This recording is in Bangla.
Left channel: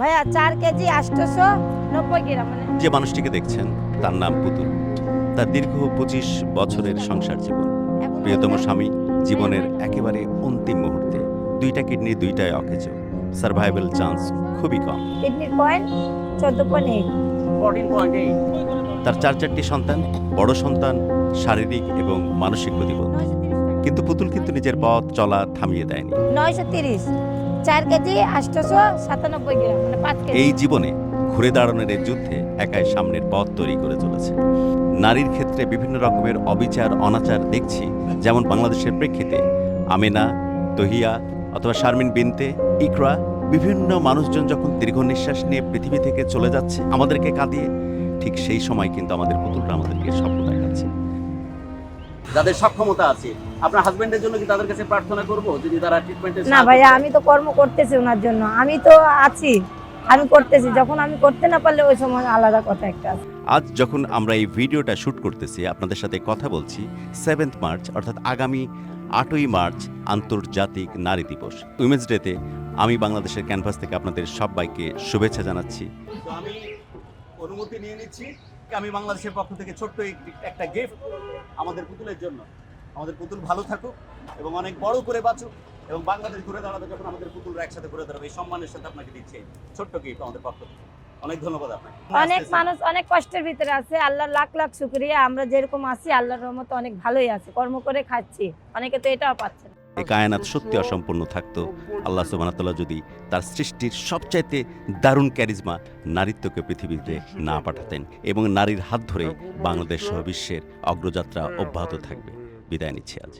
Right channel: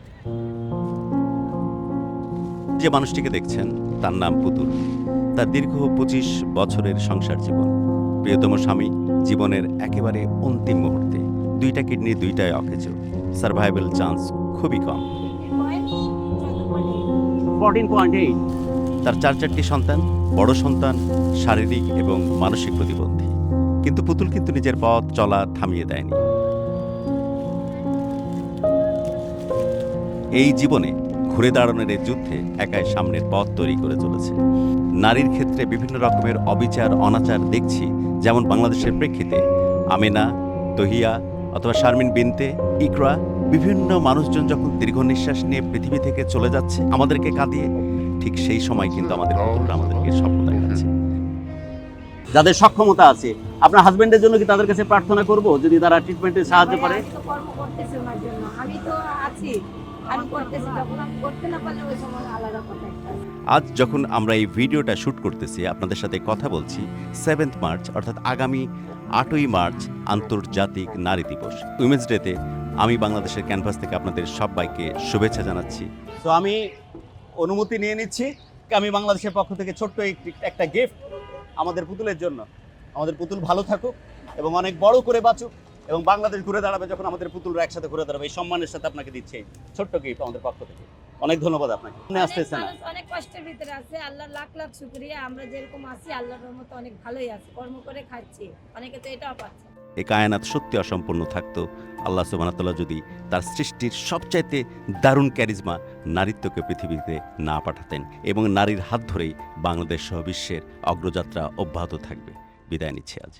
ভাইয়া 4 কেজি 890 গ্রাম মানে যে মানুষটিকে দেখছেন তার নাম পুতুল। তার দীর্ঘ 25 বছরের সংসার জীবন। প্রিয়তম স্বামী জীবনের একেবারে অন্তিম মুহূর্তে 2টা কিডনি 2টাই অকেজো। সারভাইভাল চান্স খুবই কম। কিডনির পয়েন্ট 14.8 14.8 তার 4টি সন্তান, বড় সন্তান শারীরিক এবং মানসিক প্রতিবন্ধী। কিন্তু পুতুল কিন্তু নিজের পথ চলা থামিয়ে দেয়নি। 930 4 কেজি 897 গ্রাম মানে 5 কেজি। এই জীবনে ঘুরে দাঁড়ানোর এই যুদ্ধে একাই সামনের পথ তৈরি করে চলেছে। নারীর ক্ষেত্রে বিভিন্ন রকমের অবিচার অনাচার দেখছি, যেমন বাংলাদেশের প্রেক্ষিতে আমেনা, তহিয়া অথবা শারমিন বিনতে, ইকরা, বিভিন্ন মানুষজন যখন দীর্ঘ নিঃশ্বাস নিয়ে পৃথিবী থেকে চলে যাচ্ছে আমাদেরকে কাঁদিয়ে, ঠিক সেই সময় কিন্তু আমাদের পুতুলরা আমাদেরকে স্বপ্ন দেখাচ্ছে। যাদের সক্ষমতা আছে, আপনার হাজবেন্ডের জন্য কি তাদের কাছে প্রার্থনা করব যদি তারা ট্রিটমেন্টে না ভাইয়া, আমি তো কর্ম করতেছি ওনার জন্য, আমি তো আছি, আমি করতেছি। যখন আমি করতে না পারলে ওই সময় আলাদা কথা একটা আছে। আজ যখন আমরা এই ভিডিওটা শ্যুট করতেছি, আপনাদের সাথে কথা বলছি 7 মার্চ অর্থাৎ আগামী 8ই মার্চ আন্তর্জাতিক নারী দিবস। উইমেন্স ডেতে আমি বাংলাদেশের ক্যানভাস থেকে আপনাদের সবাইকে শুভেচ্ছা জানাচ্ছি। তো আমি অনুমতি নিয়ে নিচ্ছি, আমি বাংলাদেশের পক্ষ থেকে ছোট্ট একটা গিফট আমাদের পুতুলের জন্য। আমাদের পুতুল ভালো থাকুক এবং অনেক বড় করে বাঁচুক এবং বাংলাদেশ ঘুরে দাঁড়াবে যখন আমাদের পুতুলরা একসাথে ঘুরে দাঁড়াবে। এই সম্মানের সাথে আপনাকে দিচ্ছে ছোট্ট গিফট আমাদের পক্ষ থেকে। অনেক ধন্যবাদ আপনাকে। অনেক মানুষ অনেক কষ্টের ভিতরে আছে, আল্লাহর লাখ লাখ শুকরিয়া। আমরা যেরকম আছি আল্লাহর রহমতে অনেক ভালোই আছে, কর্ম করে খাচ্ছি, অনেকে তো এটাও পাচ্ছে না। এই কায়নাত সত্যি অসম্পূর্ণ থাকতো আল্লাহ সুবহানাহু ওয়া তাআলা যদি তার সৃষ্টির সবচাইতে দারুণ ক্যারিজমা নারীত্বকে পৃথিবীতে না পাঠাতেন, এবং নারীর হাত ধরেই বাংলাদেশ সহ বিশ্বের অগ্রযাত্রা অব্যাহত থাকবে। বিদায় নিচ্ছি আজ।